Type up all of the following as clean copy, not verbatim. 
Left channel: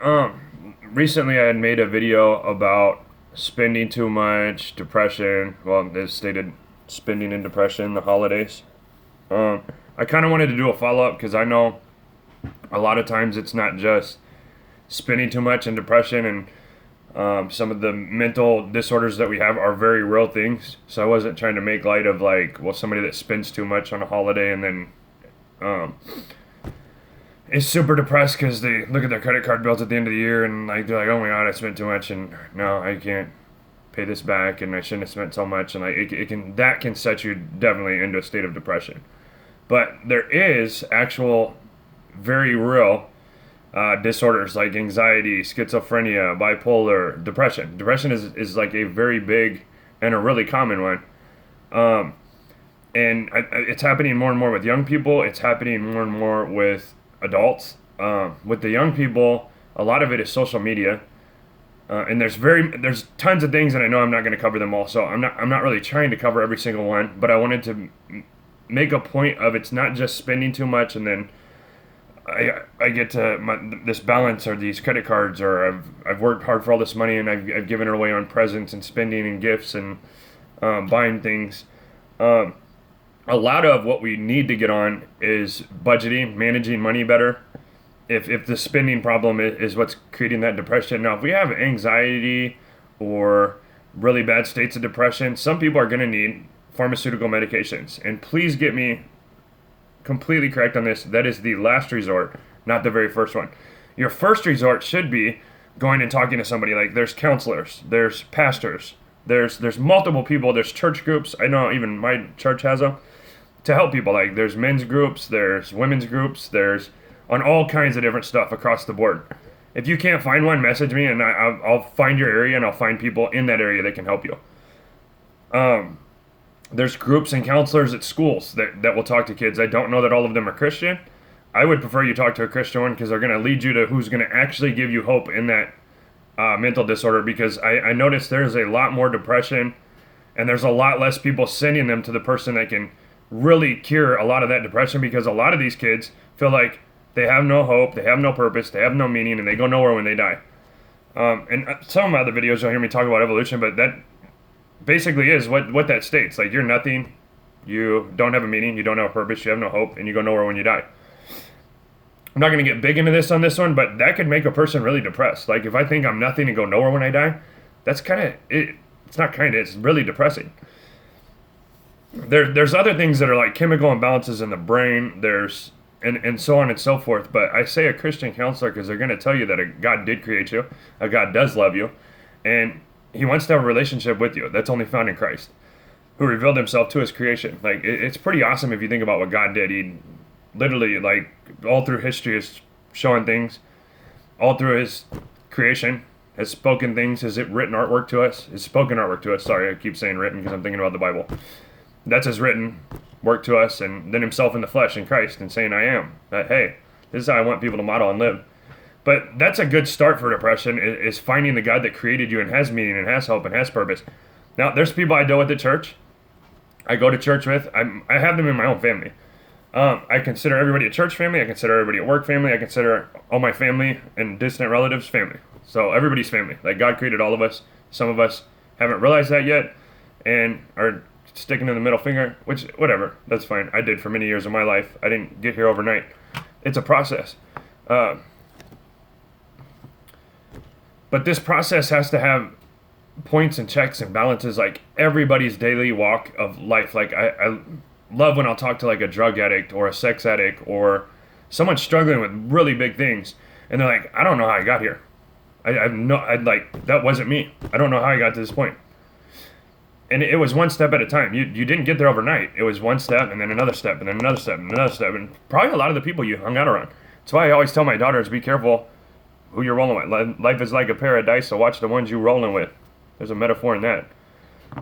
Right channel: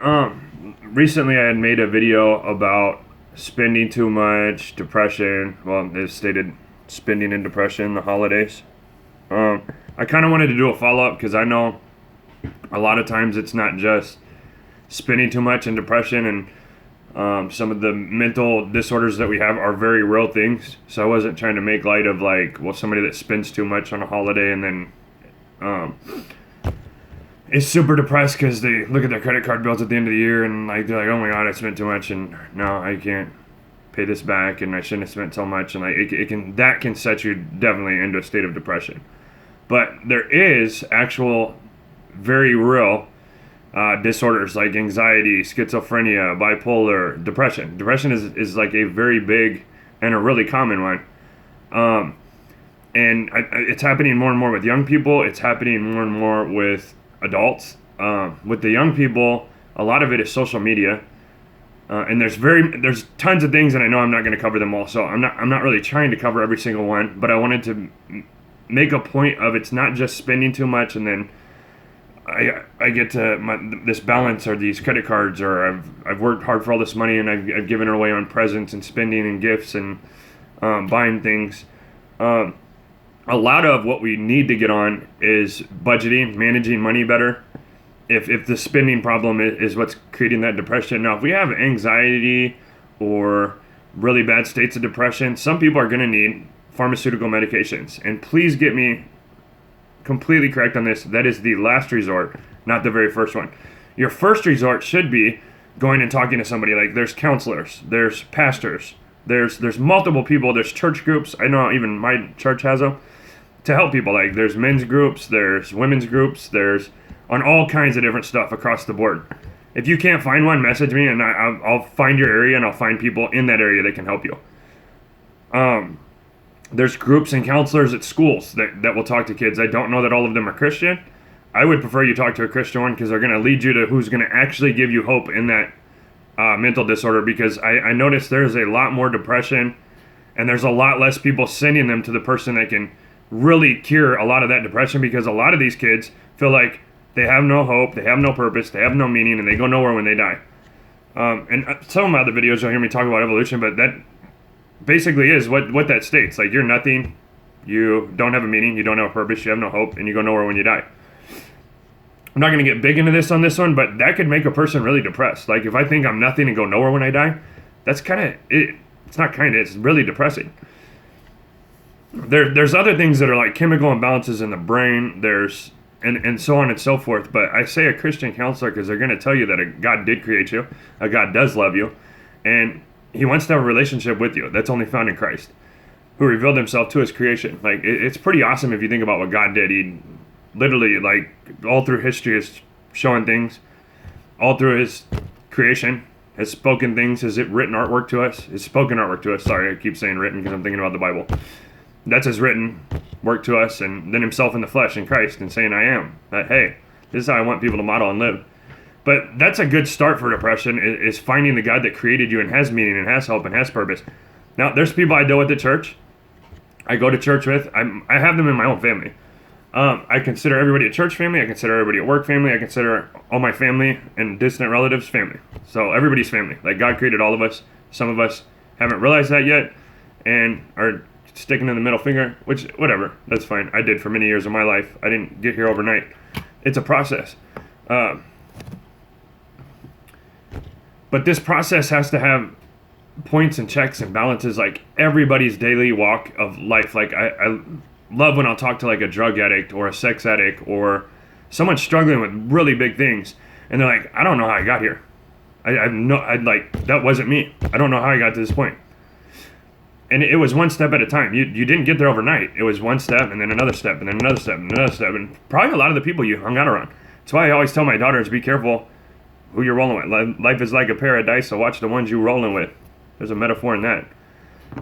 Recently I had made a video about spending too much, depression. Well, they stated spending and depression, the holidays. Um, I kind of wanted to do a follow up because I know a lot of times it's not just spending too much and depression, and some of the mental disorders that we have are very real things. So I wasn't trying to make light of like, well, somebody that spends too much on a holiday and then um, is super depressed because they look at their credit card bills at the end of the year and like they're like, oh my god, I spent too much and now I can't pay this back and I shouldn't have spent so much, and like it can that can set you definitely into a state of depression. But there is actual very real disorders like anxiety, schizophrenia, bipolar, depression. Depression is like a very big and a really common one. Um, it's happening more and more with young people. It's happening more and more with adults. With the young people, a lot of it is social media, and there's tons of things, and I know I'm not going to cover them all. So I'm not really trying to cover every single one, but I wanted to make a point of it's not just spending too much and then I get to this balance or these credit cards, or I've worked hard for all this money and I've given it away on presents and spending and gifts and buying things. Um, a lot of what we need to get on is budgeting, managing money better. If the spending problem is what's creating that depression. Now, if we have anxiety or really bad states of depression, some people are going to need pharmaceutical medications. And please get me completely correct on this. That is the last resort, not the very first one. Your first resort should be going and talking to somebody. Like there's counselors, there's pastors, there's multiple people, there's church groups. I know even my church has them to help people. Like there's men's groups, there's women's groups, there's on all kinds of different stuff across the board. If you can't find one, message me and I'll find your area and I'll find people in that area that can help you. There's groups and counselors at schools that will talk to kids. I don't know that all of them are Christian. I would prefer you talk to a Christian one because they're going to lead you to who's going to actually give you hope in that mental disorder, because I noticed there's a lot more depression and there's a lot less people sending them to the person that can really cure a lot of that depression, because a lot of these kids feel like they have no hope, they have no purpose, they have no meaning, and they go nowhere when they die. And some of my other videos you'll hear me talk about evolution, but that basically is what that states. Like you're nothing, you don't have a meaning, you don't have a purpose, you have no hope, and you go nowhere when you die. I'm not going to get big into this on this one, but that could make a person really depressed. Like if I think I'm nothing and go nowhere when I die, that's kind of it. It's not kind of, it's really depressing. There's other things that are like chemical imbalances in the brain. There's and so on and so forth. But I say a Christian counselor because they're going to tell you that a God did create you, a God does love you, and He wants to have a relationship with you. That's only found in Christ, who revealed Himself to His creation. Like it's pretty awesome if you think about what God did. He literally, like all through history, is showing things. All through His creation, has spoken things. Has written artwork to us. Has spoken artwork to us. Sorry, I keep saying written because I'm thinking about the Bible. That's His written work to us, and then Himself in the flesh in Christ, and saying, "I am." That hey, this is how I want people to model and live. But that's a good start for depression, is finding the God that created you and has meaning and has hope and has purpose. Now, there's people I deal with at church. I go to church with. I have them in my own family. I consider everybody at church family. I consider everybody at work family. I consider all my family and distant relatives family. So everybody's family. Like God created all of us. Some of us haven't realized that yet and are sticking in the middle finger, which, whatever, that's fine. I did for many years of my life. I didn't get here overnight. It's a process. But this process has to have points and checks and balances, like everybody's daily walk of life. Like I love when I'll talk to like a drug addict or a sex addict or someone struggling with really big things, and they're like, I don't know how I got here. I'd like, that wasn't me. I don't know how I got to this point. And it was one step at a time. You didn't get there overnight. It was one step and then another step and then another step and another step, and probably a lot of the people you hung out around. That's why I always tell my daughters, be careful who you're rolling with. Life is like a pair of dice, so watch the ones you're rolling with. There's a metaphor in that.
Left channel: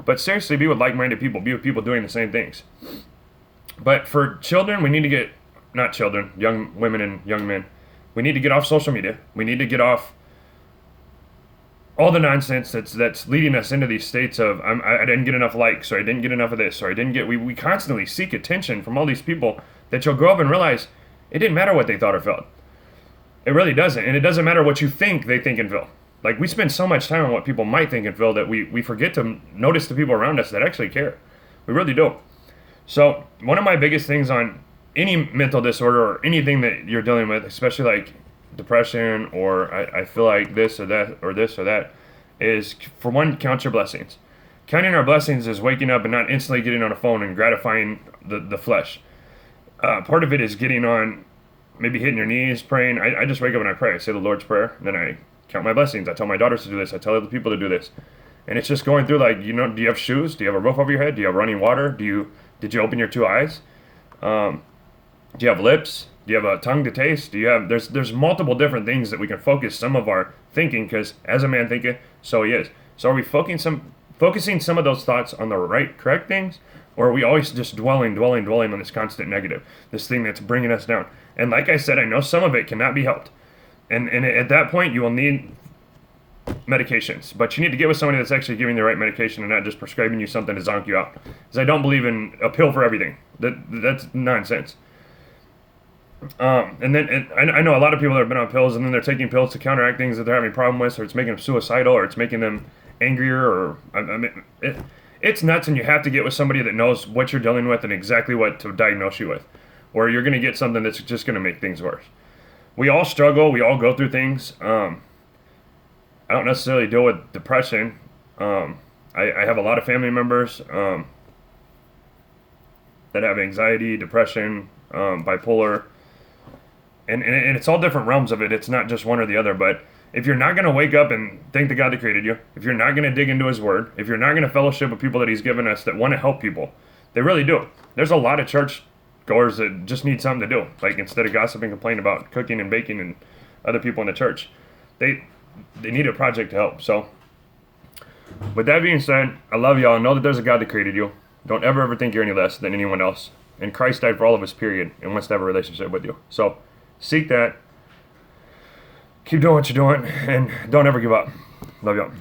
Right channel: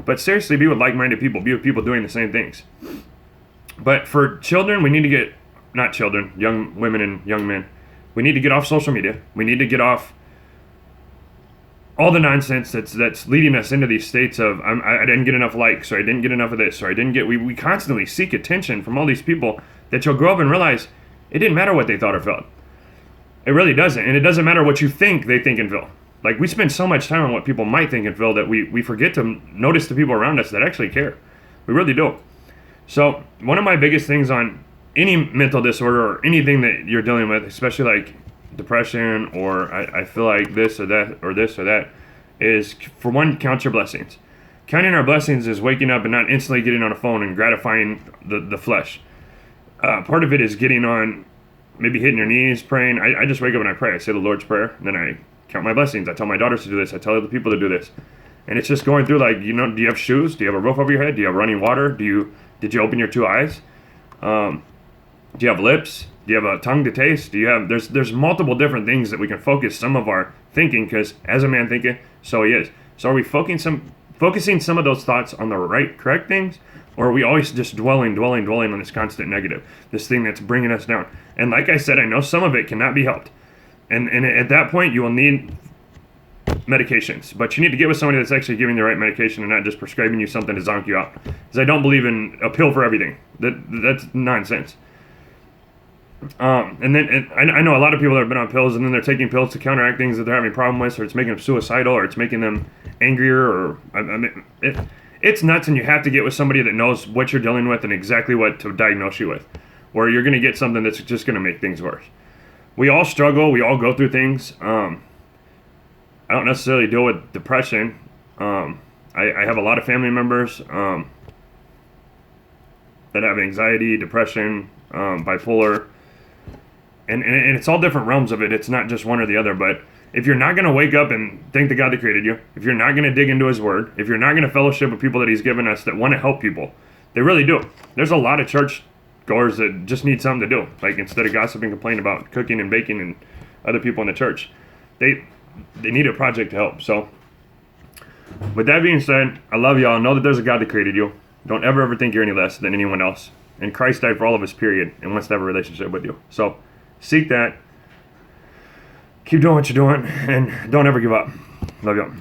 But seriously, be with like-minded people. Be with people doing the same things. But for children, we need to get, not children, young women and young men, we need to get off social media. We need to get off all the nonsense that's leading us into these states of, I didn't get enough likes, or I didn't get enough of this, or I didn't get, we constantly seek attention from all these people that you'll grow up and realize it didn't matter what they thought or felt. It really doesn't. And it doesn't matter what you think they think and feel. Like, we spend so much time on what people might think and feel that we forget to notice the people around us that actually care. We really do. So one of my biggest things on any mental disorder or anything that you're dealing with, especially like depression or I feel like this or that or this or that, is, for one, count your blessings. Counting our blessings is waking up and not instantly getting on a phone and gratifying the flesh. Part of it is getting on, maybe hitting your knees, praying. I just wake up and I pray. I say the Lord's Prayer, then I count my blessings. I tell my daughters to do this. I tell other people to do this. And it's just going through, like, do you have shoes? Do you have a roof over your head? Do you have running water? Did you open your two eyes? Do you have lips? Do you have a tongue to taste? There's multiple different things that we can focus some of our thinking, because as a man thinketh, so he is. So are we focusing some of those thoughts on the correct things? Or are we always just dwelling on this constant negative, this thing that's bringing us down? And like I said, I know some of it cannot be helped. And at that point, you will need medications. But you need to get with somebody that's actually giving the right medication and not just prescribing you something to zonk you out. Because I don't believe in a pill for everything. That's nonsense. And I know a lot of people that have been on pills, and then they're taking pills to counteract things that they're having a problem with, or it's making them suicidal, or it's making them angrier, or it's nuts. And you have to get with somebody that knows what you're dealing with and exactly what to diagnose you with, or you're going to get something that's just going to make things worse. We all struggle. We all go through things. I don't necessarily deal with depression. I have a lot of family members that have anxiety, depression, bipolar, and it's all different realms of it. It's not just one or the other. But if you're not going to wake up and thank the God that created you, if you're not going to dig into His Word, if you're not going to fellowship with people that He's given us that want to help people, they really do. There's a lot of church goers that just need something to do. Like, instead of gossiping, complaining about cooking and baking and other people in the church, they need a project to help. So with that being said, I love y'all. Know that there's a God that created you. Don't ever think you're any less than anyone else. And Christ died for all of us, period, and wants to have a relationship with you. So seek that. Keep doing what you're doing, and don't ever give up. Love y'all.